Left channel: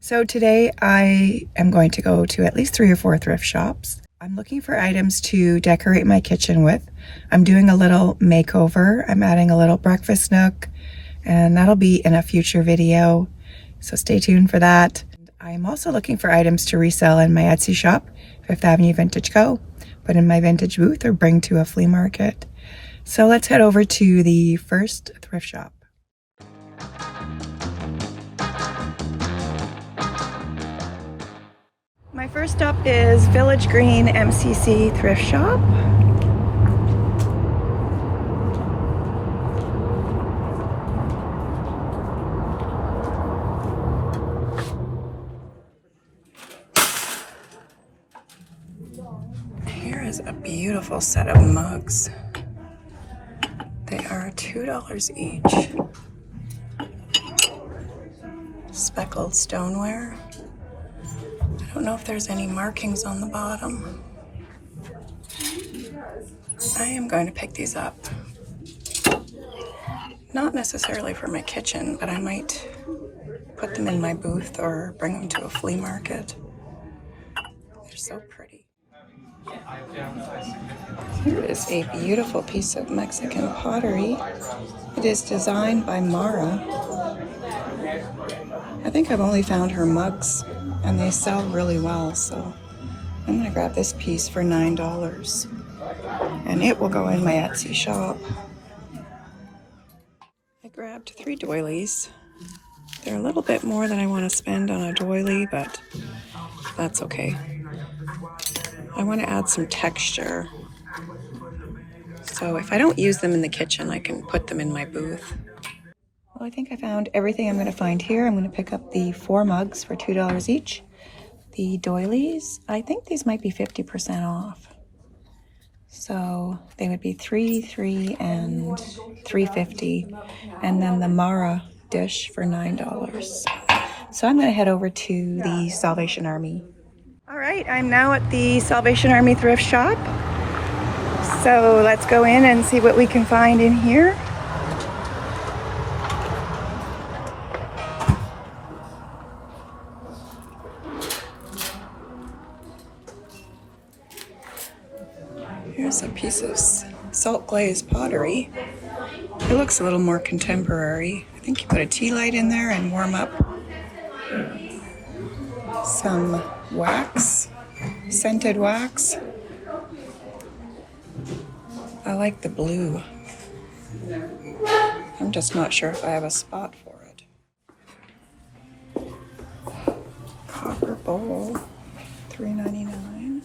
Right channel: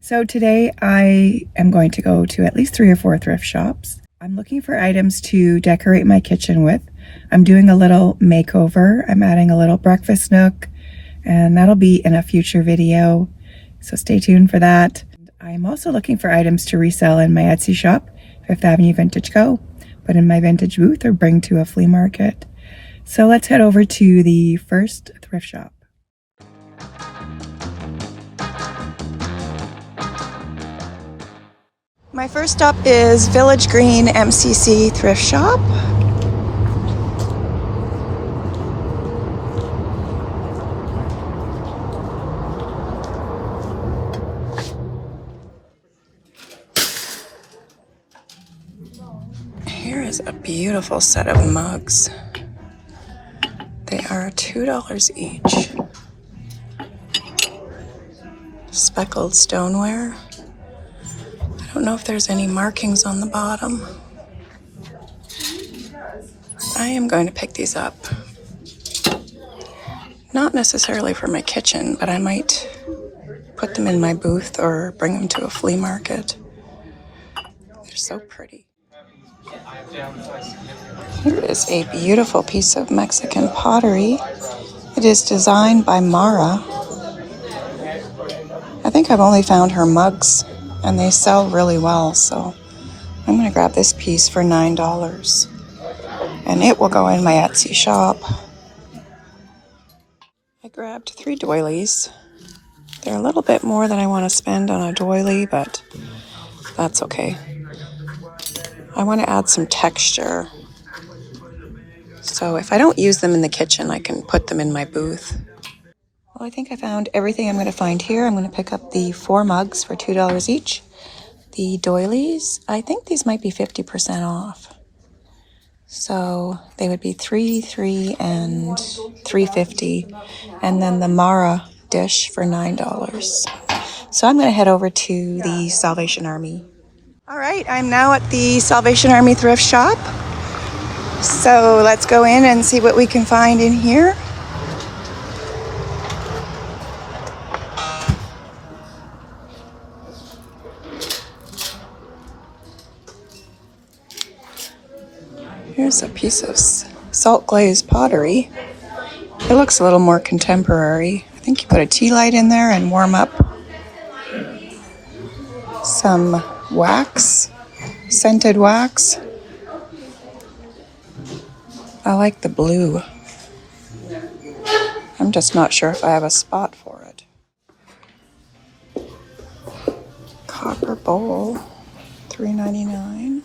So today I am going to go to at least 3 or 4 thrift shops. I'm looking for items to decorate my kitchen with. I'm doing a little makeover. I'm adding a little breakfast nook, and that'll be in a future video, so stay tuned for that. I'm also looking for items to resell in my Etsy shop, Fifth Avenue Vintage Co., put in my vintage booth or bring to a flea market. So let's head over to the first thrift shop. My first stop is Village Green MCC Thrift Shop. Here is a beautiful set of mugs. They are $2 each. Speckled stoneware. I don't know if there's any markings on the bottom. I am going to pick these up. Not necessarily for my kitchen, but I might put them in my booth or bring them to a flea market. They're so pretty. Here is a beautiful piece of Mexican pottery. It is designed by Mara. I think I've only found her mugs, and they sell really well, so I'm going to grab this piece for $9, and it will go in my Etsy shop. I grabbed 3 doilies. They're a little bit more than I want to spend on a doily, but that's okay. I want to add some texture. So if I don't use them in the kitchen, I can put them in my booth. Well, I think I found everything I'm going to find here. I'm going to pick up the 4 mugs for $2 each. The doilies, I think these might be 50% off. So they would be $3, and $3.50. And then the Mara dish for $9. So I'm going to head over to the Salvation Army. All right, I'm now at the Salvation Army thrift shop. So let's go in and see what we can find in here. Here's a piece of salt glazed pottery. It looks a little more contemporary. I think you put a tea light in there and warm up some wax, scented wax. I like the blue. I'm just not sure if I have a spot for it. Copper bowl, $3.99.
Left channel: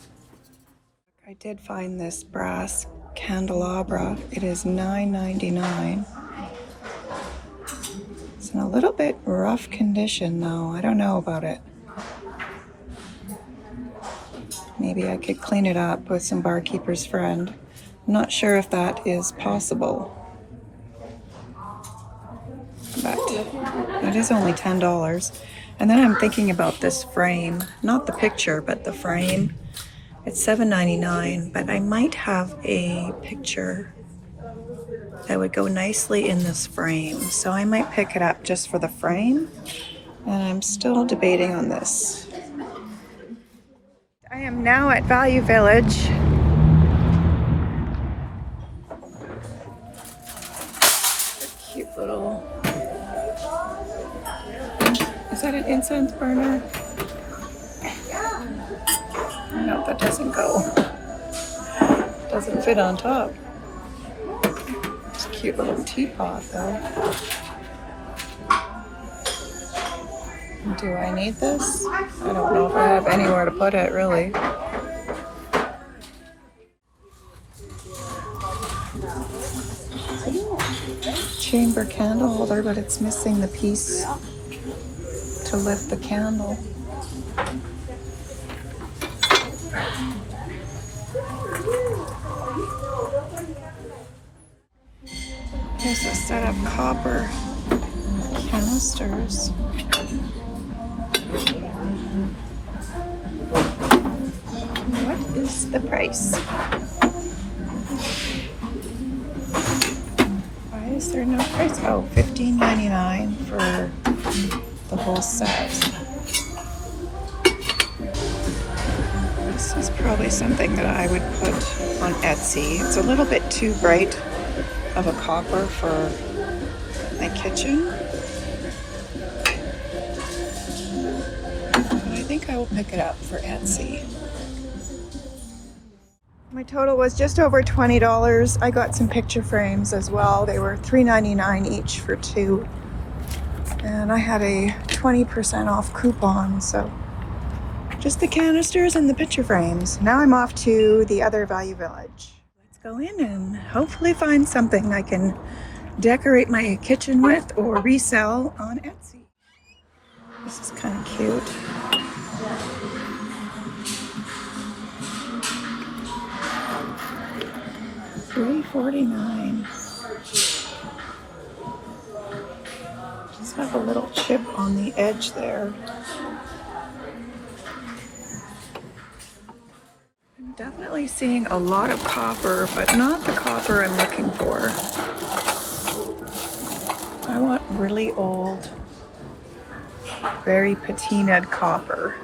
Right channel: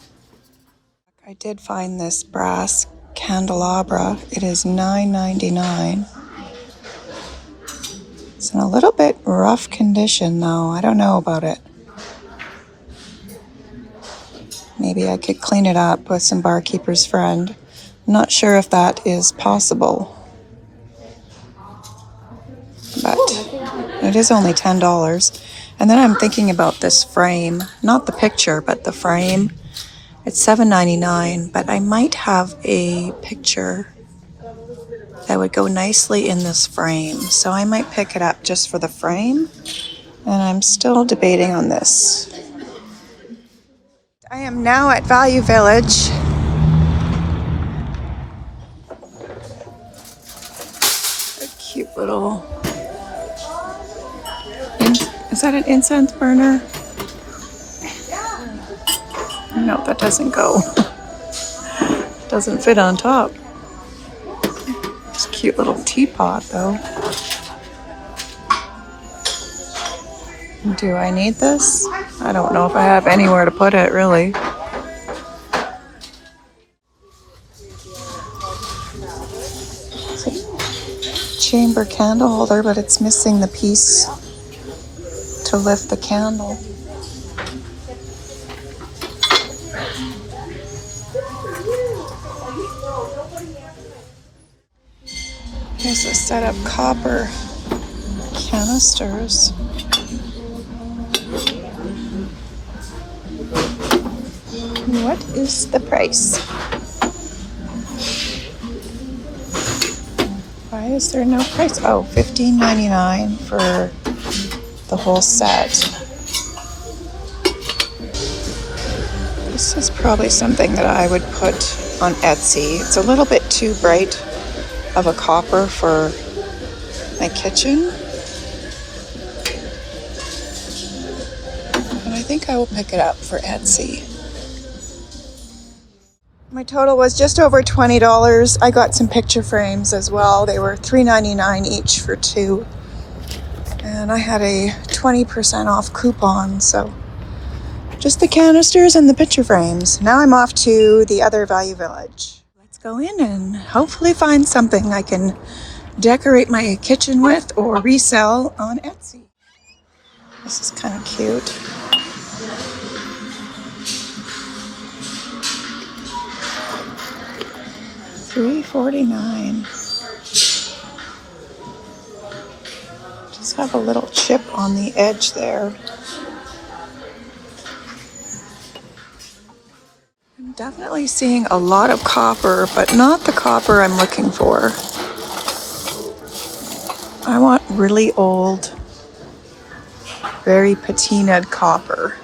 I did find this brass candelabra. It is $9.99. It's in a little bit rough condition though. I don't know about it. Maybe I could clean it up with some barkeeper's friend. I'm not sure if that is possible. But it is only $10. And then I'm thinking about this frame. Not the picture, but the frame. It's $7.99, but I might have a picture that would go nicely in this frame. So I might pick it up just for the frame. And I'm still debating on this. I am now at Value Village. A cute little... Is that an incense burner? No, that doesn't go. Doesn't fit on top. It's a cute little teapot, though. Do I need this? I don't know if I have anywhere to put it, really. It's a chamber candle holder, but it's missing the piece to lift the candle. Here's a set of copper canisters. What is the price? Why is there no price? Oh, $15.99 for the whole set. This is probably something that I would put on Etsy. It's a little bit too bright of a copper for my kitchen. But I think I will pick it up for Etsy. My total was just over $20. I got some picture frames as well. They were $3.99 each for 2. And I had a 20% off coupon, so just the canisters and the picture frames. Now I'm off to the other Value Village. Let's go in and hopefully find something I can decorate my kitchen with or resell on Etsy. This is kind of cute. $3.49. Just have a little chip on the edge there. I'm definitely seeing a lot of copper, but not the copper I'm looking for. I want really old, very patinaed copper.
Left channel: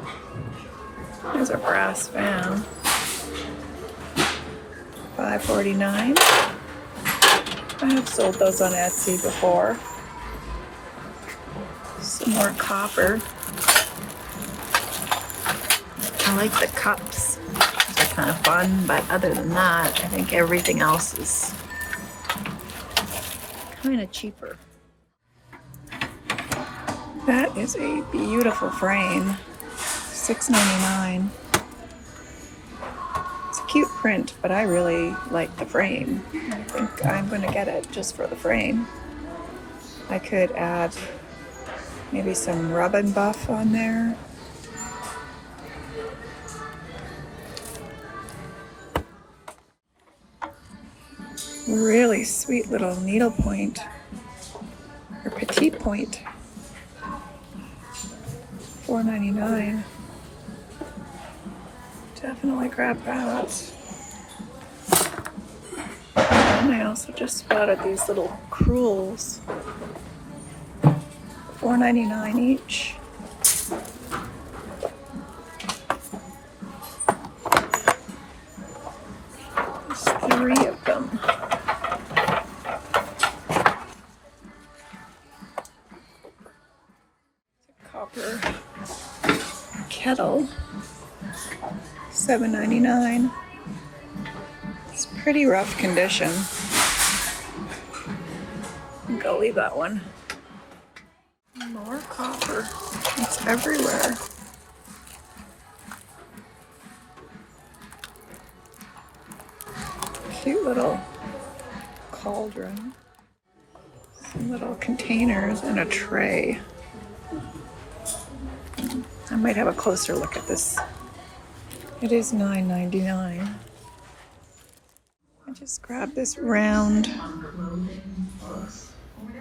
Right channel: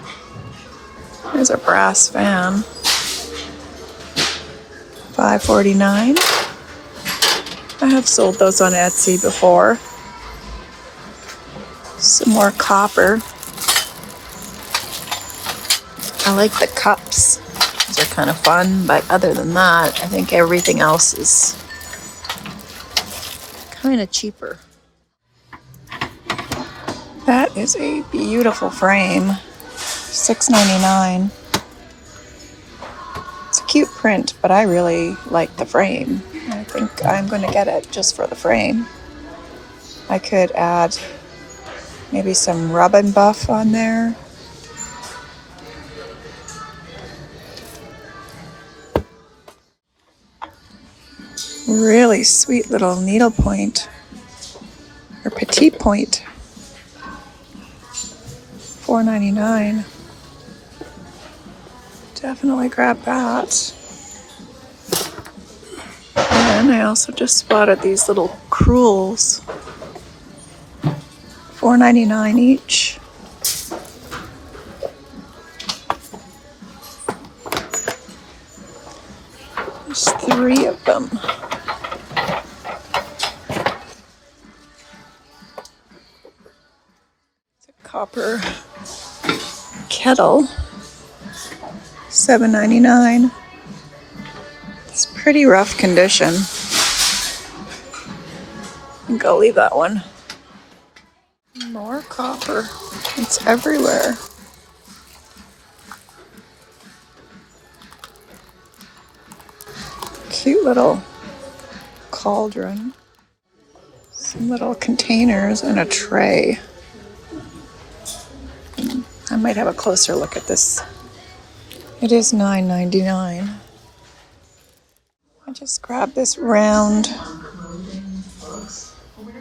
There's a brass fan. $5.49. I have sold those on Etsy before. Some more copper. I like the cups. Those are kind of fun, but other than that, I think everything else is kind of cheaper. That is a beautiful frame. $6.99. It's a cute print, but I really like the frame. I think I'm going to get it just for the frame. I could add maybe some rub and buff on there. Really sweet little needlepoint or petite point. $4.99. Definitely grab that. And I also just spotted these little crewels. $4.99 each. There's 3 of them. It's a copper kettle. $7.99. It's pretty rough condition. Go leave that one. More copper. It's everywhere. Cute little cauldron. Some little containers and a tray. I might have a closer look at this. It is $9.99. I just grabbed this round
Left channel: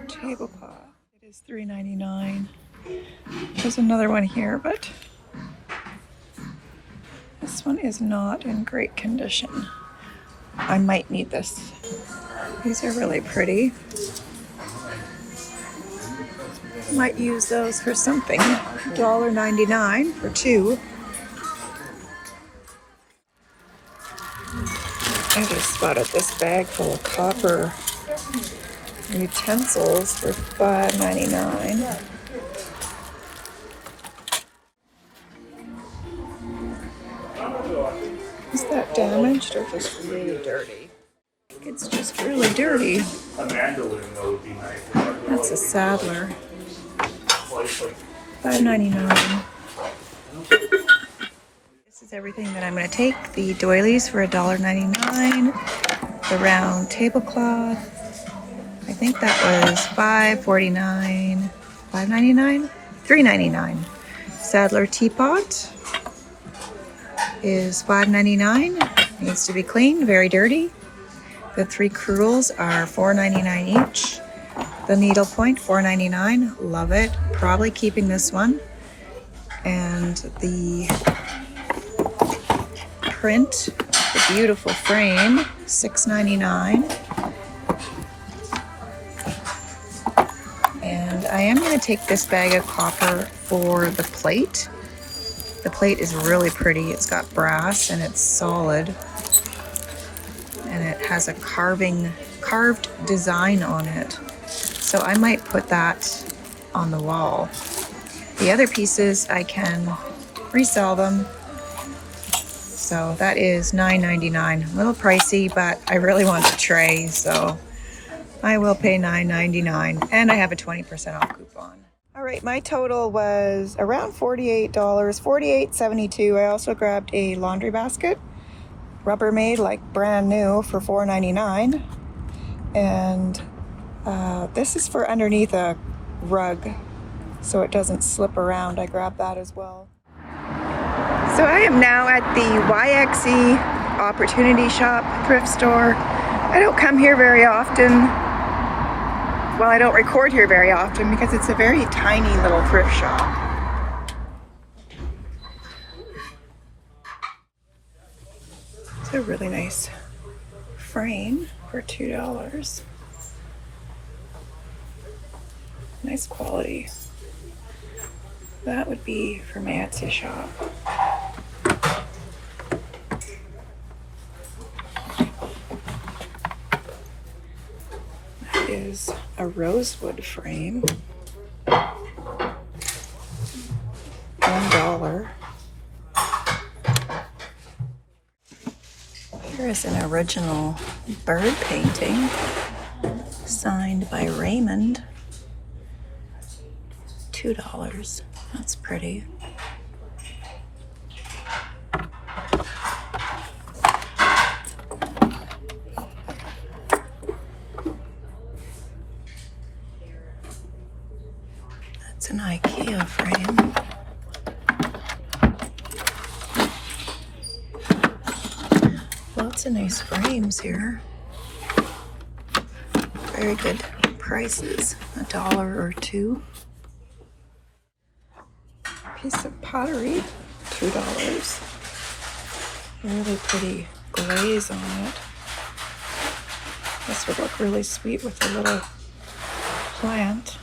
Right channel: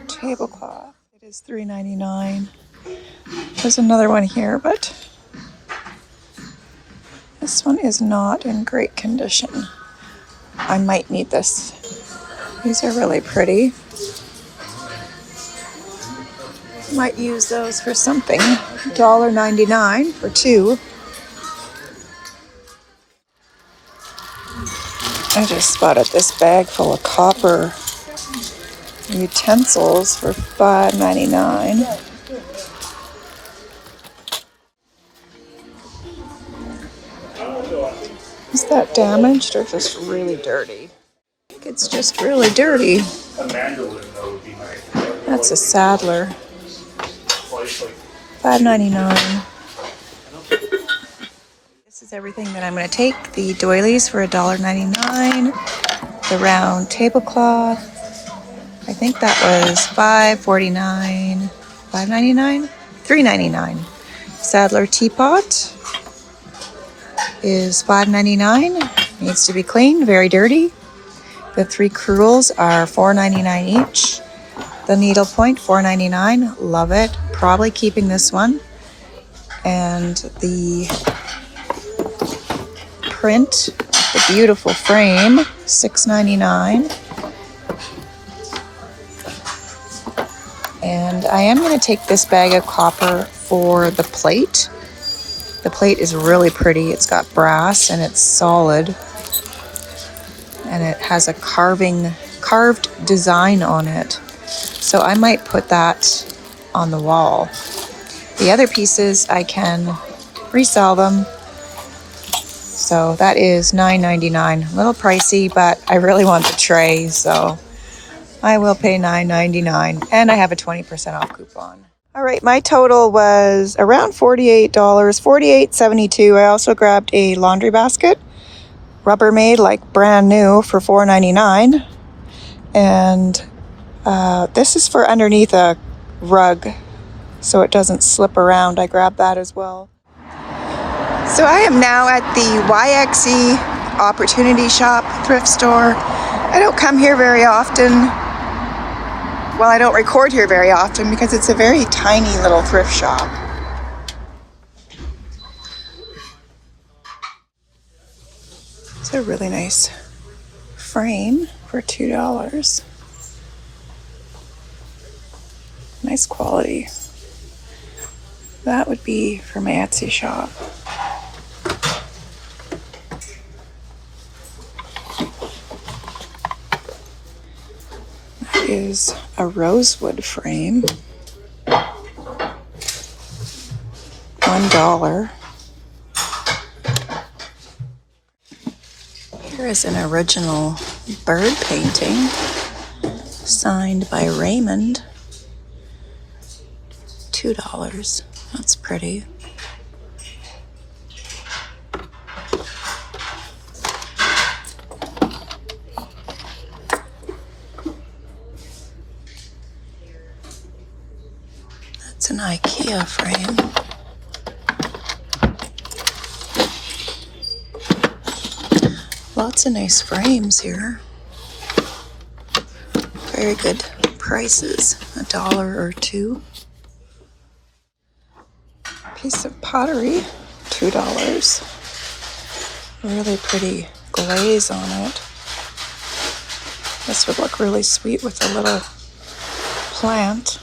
tablecloth. It is $3.99. There's another one here, but this one is not in great condition. I might need this. These are really pretty. Might use those for something. $1.99 for 2. I just spotted this bag full of copper utensils for $5.99. Is that damaged or just really dirty? I think it's just really dirty. That's a saddler. $5.99. This is everything that I'm going to take. The doilies for $1.99. The round tablecloth. I think that was $5.49. $5.99? $3.99. Saddler teapot is $5.99. Needs to be cleaned, very dirty. The 3 crewels are $4.99 each. The needlepoint, $4.99. Love it. Probably keeping this one. And the print, the beautiful frame, $6.99. And I am going to take this bag of copper for the plate. The plate is really pretty. It's got brass and it's solid. And it has a carved design on it. So I might put that on the wall. The other pieces, I can resell them. So that is $9.99. A little pricey, but I really want the tray, so I will pay $9.99. And I have a 20% off coupon. All right, my total was around $48, $48.72. I also grabbed a laundry basket, Rubbermaid, like brand new, for $4.99. And this is for underneath a rug, so it doesn't slip around. I grabbed that as well. So I am now at the YXE Opportunity Shop thrift store. I don't come here very often. Well, I don't record here very often because it's a very tiny little thrift shop. It's a really nice frame for $2. Nice quality. That would be for my Etsy shop. That is a rosewood frame. $1. Here is an original bird painting signed by Raymond. $2. That's pretty. That's an IKEA frame. Lots of nice frames here. Very good prices. $1 or $2. Piece of pottery, $2. Really pretty glaze on it. This would look really sweet with a little plant.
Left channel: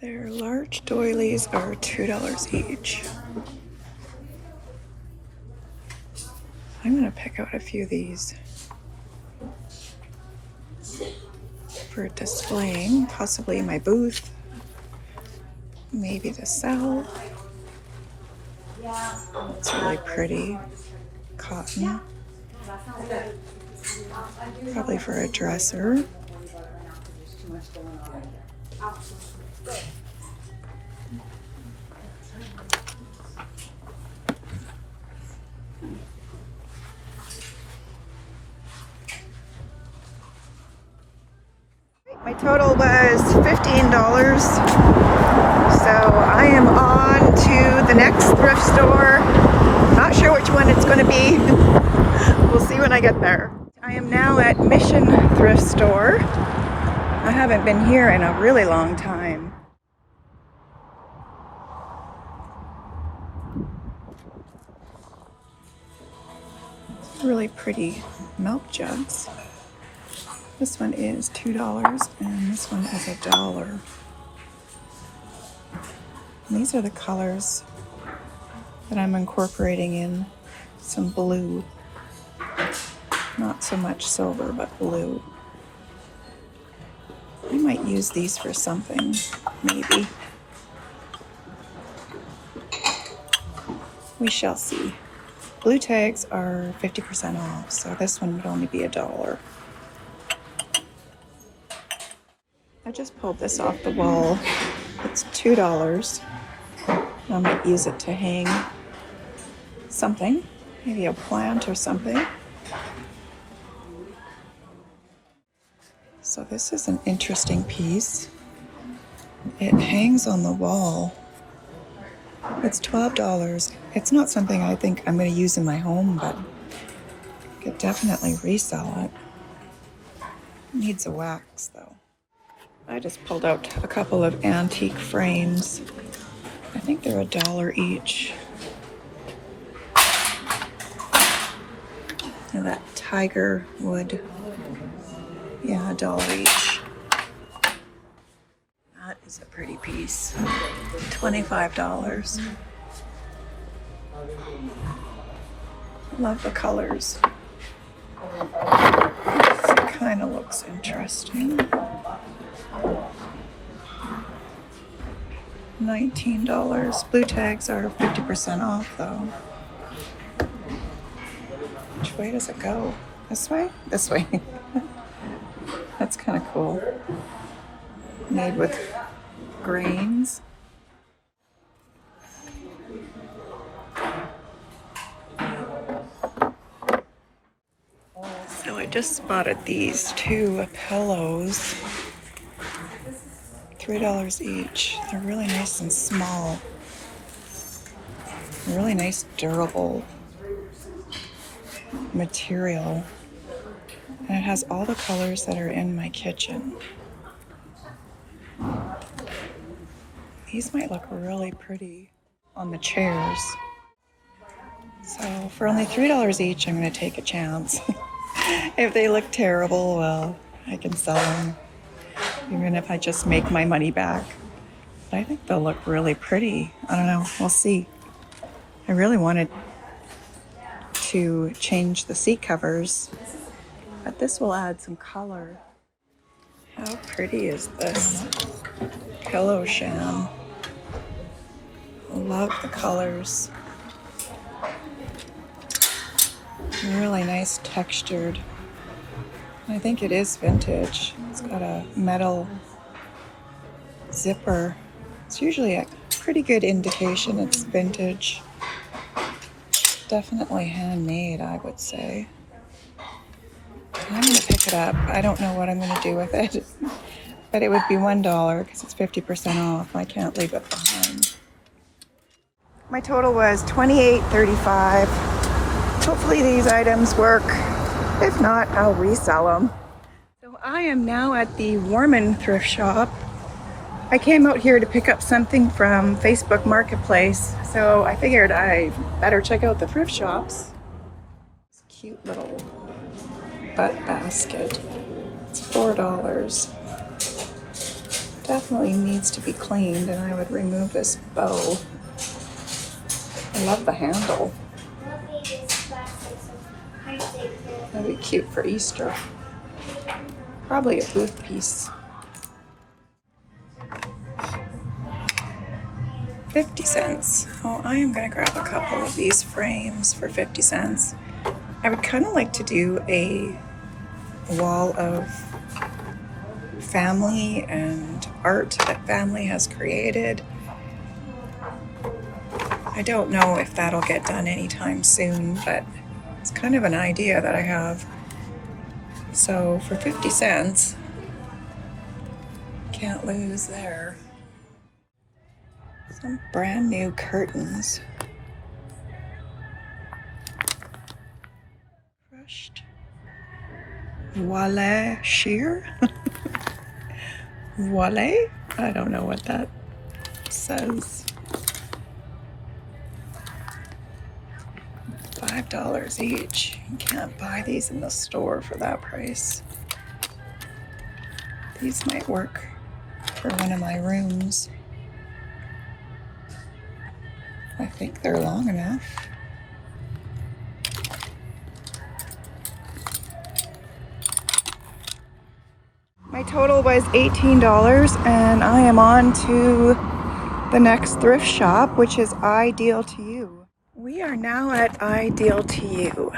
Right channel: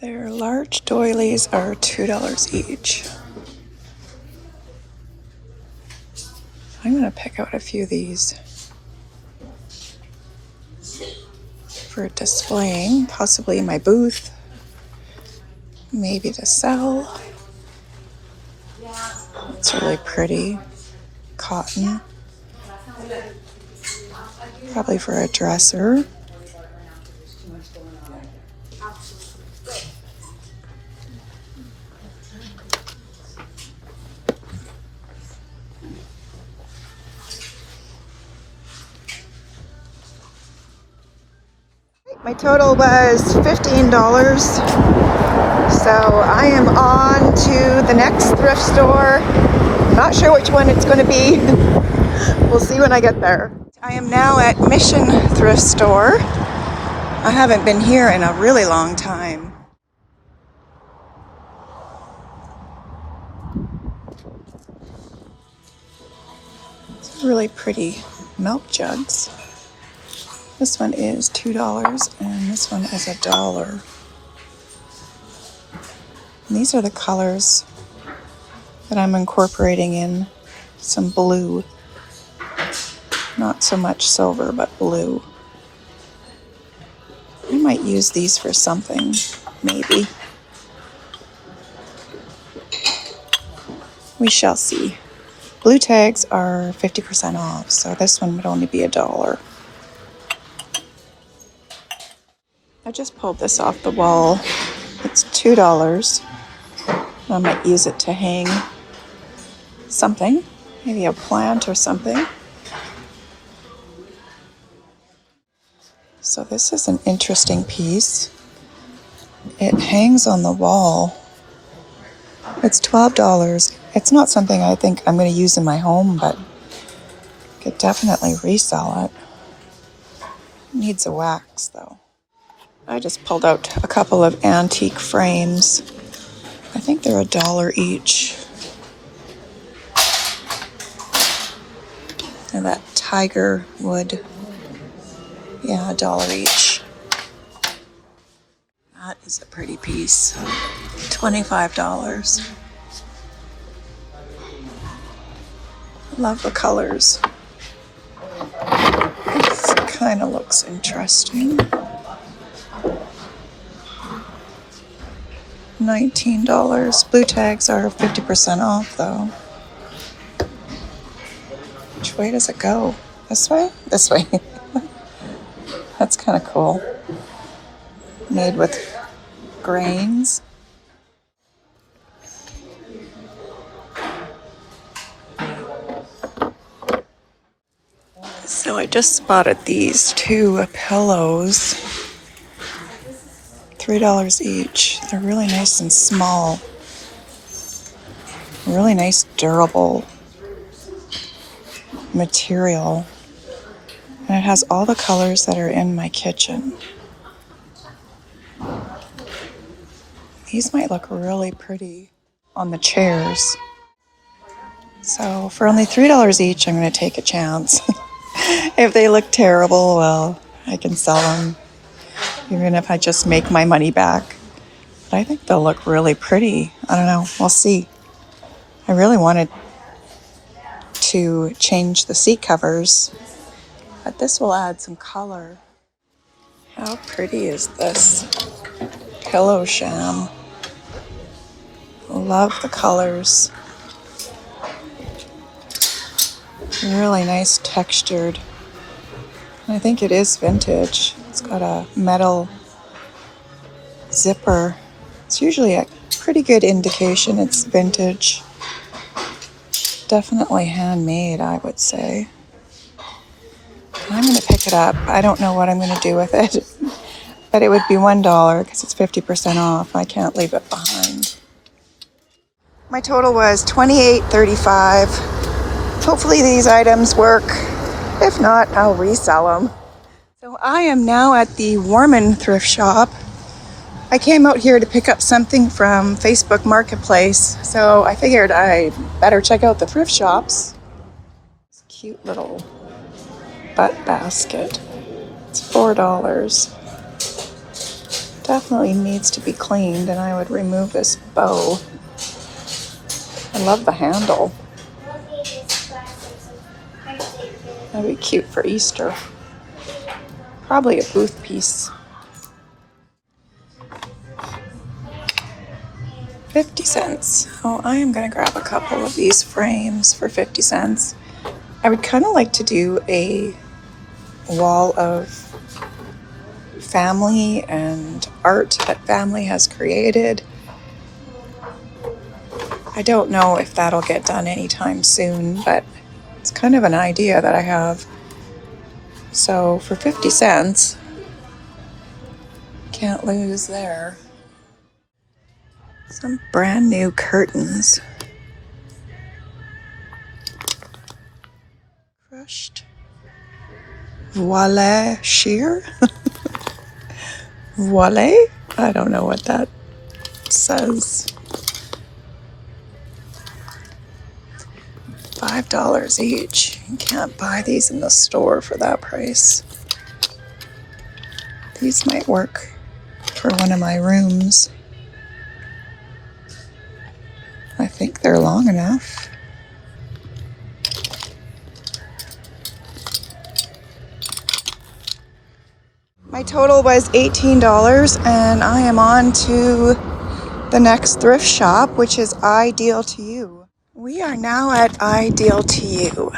Their large doilies are $2 each. I'm going to pick out a few of these for displaying, possibly in my booth. Maybe to sell. It's really pretty. Cotton. Probably for a dresser. My total was $15. So I am on to the next thrift store. Not sure which one it's going to be. We'll see when I get there. I am now at Mission Thrift Store. I haven't been here in a really long time. It's really pretty milk jugs. This one is $2 and this one is $1. And these are the colors that I'm incorporating in. Some blue. Not so much silver, but blue. I might use these for something, maybe. We shall see. Blue tags are 50% off, so this one would only be $1. I just pulled this off the wall. It's $2. I might use it to hang something, maybe a plant or something. So this is an interesting piece. It hangs on the wall. It's $12. It's not something I think I'm going to use in my home, but I could definitely resell it. Needs a wax though. I just pulled out a couple of antique frames. I think they're $1 each. And that tiger wood, yeah, $1 each. That is a pretty piece. $25. Love the colors. This kind of looks interesting. $19. Blue tags are 50% off though. Which way does it go? This way? This way. That's kind of cool. Made with grains. So I just spotted these two pillows. $3 each. They're really nice and small. Really nice durable material. And it has all the colors that are in my kitchen. These might look really pretty on the chairs. So for only $3 each, I'm going to take a chance. If they look terrible, well, I can sell them. Even if I just make my money back. But I think they'll look really pretty. I don't know. We'll see. I really wanted to change the seat covers, but this will add some color. How pretty is this pillow sham? Love the colors. Really nice textured. I think it is vintage. It's got a metal zipper. It's usually a pretty good indication it's vintage. Definitely handmade, I would say. I'm going to pick it up. I don't know what I'm going to do with it, but it would be $1 because it's 50% off. I can't leave it behind. My total was $28.35. Hopefully these items work. If not, I'll resell them. So I am now at the Warman thrift shop. I came out here to pick up something from Facebook Marketplace, so I figured I better check out the thrift shops. This cute little butt basket. It's $4. Definitely needs to be cleaned, and I would remove this bow. I love the handle. That'd be cute for Easter. Probably a booth piece. 50 cents. Oh, I am going to grab a couple of these frames for 50 cents. I would kind of like to do a wall of family and art that family has created. I don't know if that'll get done anytime soon, but it's kind of an idea that I have. So for 50 cents, can't lose there. Some brand new curtains. Crushed voile sheer? Voile? I don't know what that says. $5 each. You can't buy these in the store for that price. These might work for one of my rooms. I think they're long enough. My total was $18, and I am on to the next thrift shop, which is Ideal to You. We are now at Ideal to You.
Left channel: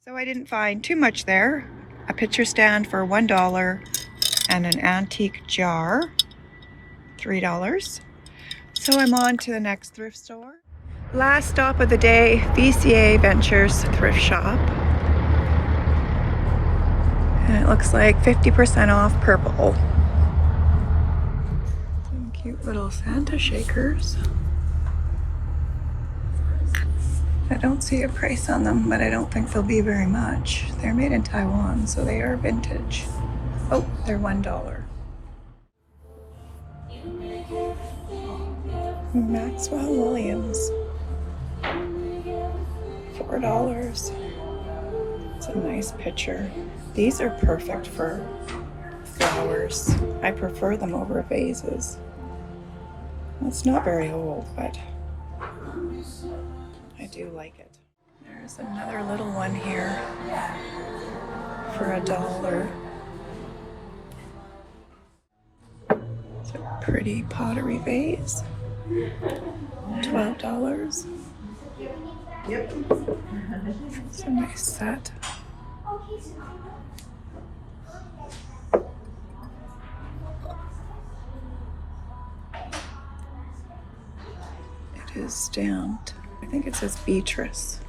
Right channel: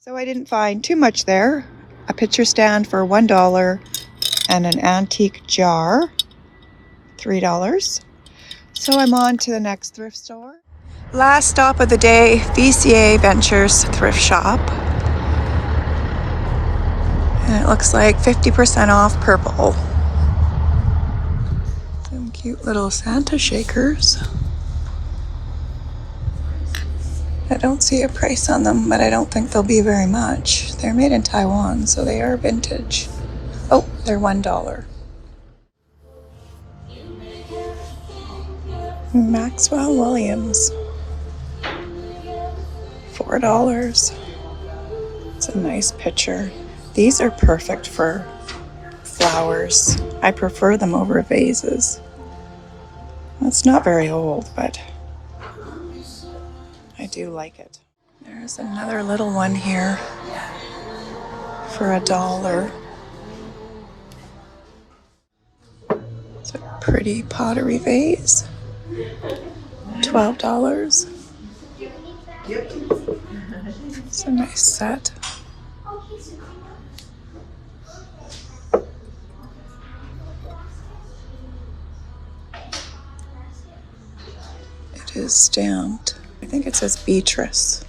So I didn't find too much there. A picture stand for $1 and an antique jar, $3. So I'm on to the next thrift store. Last stop of the day, VCA Ventures thrift shop. And it looks like 50% off purple. Some cute little Santa shakers. I don't see a price on them, but I don't think they'll be very much. They're made in Taiwan, so they are vintage. Oh, they're $1. Maxwell Williams. $4. It's a nice picture. These are perfect for flowers. I prefer them over vases. It's not very old, but I do like it. There's another little one here for $1. It's a pretty pottery vase. $12. Yep. It's a nice set. It is stamped. I think it says Beatrice.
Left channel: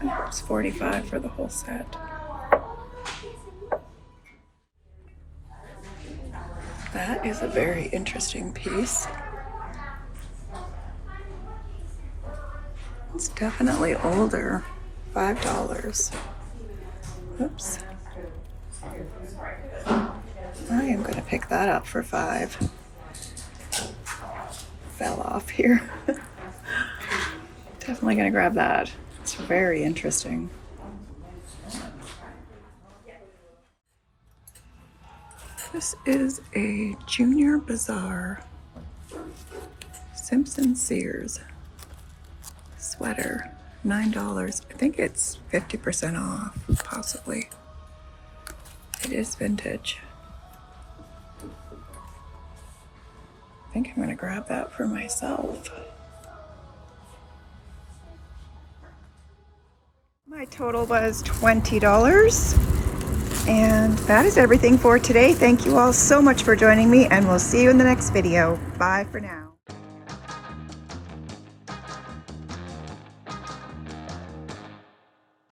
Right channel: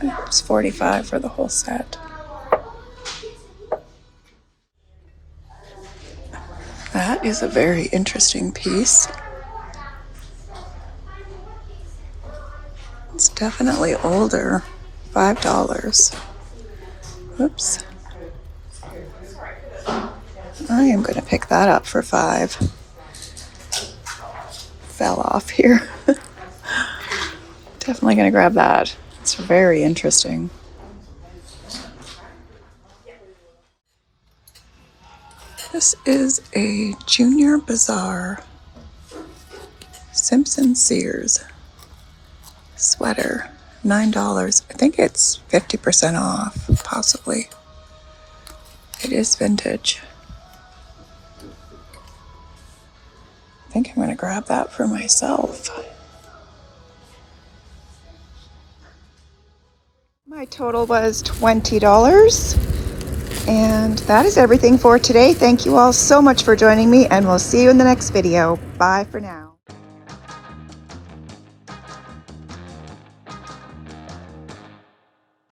It's $45 for the whole set. That is a very interesting piece. It's definitely older. $5. Oops. I am going to pick that up for $5. Fell off here. Definitely going to grab that. It's very interesting. This is a Junior Bazaar Simpson Sears sweater. $9. I think it's 50% off, possibly. It is vintage. I think I'm going to grab that for myself. My total was $20. And that is everything for today. Thank you all so much for joining me, and we'll see you in the next video. Bye for now.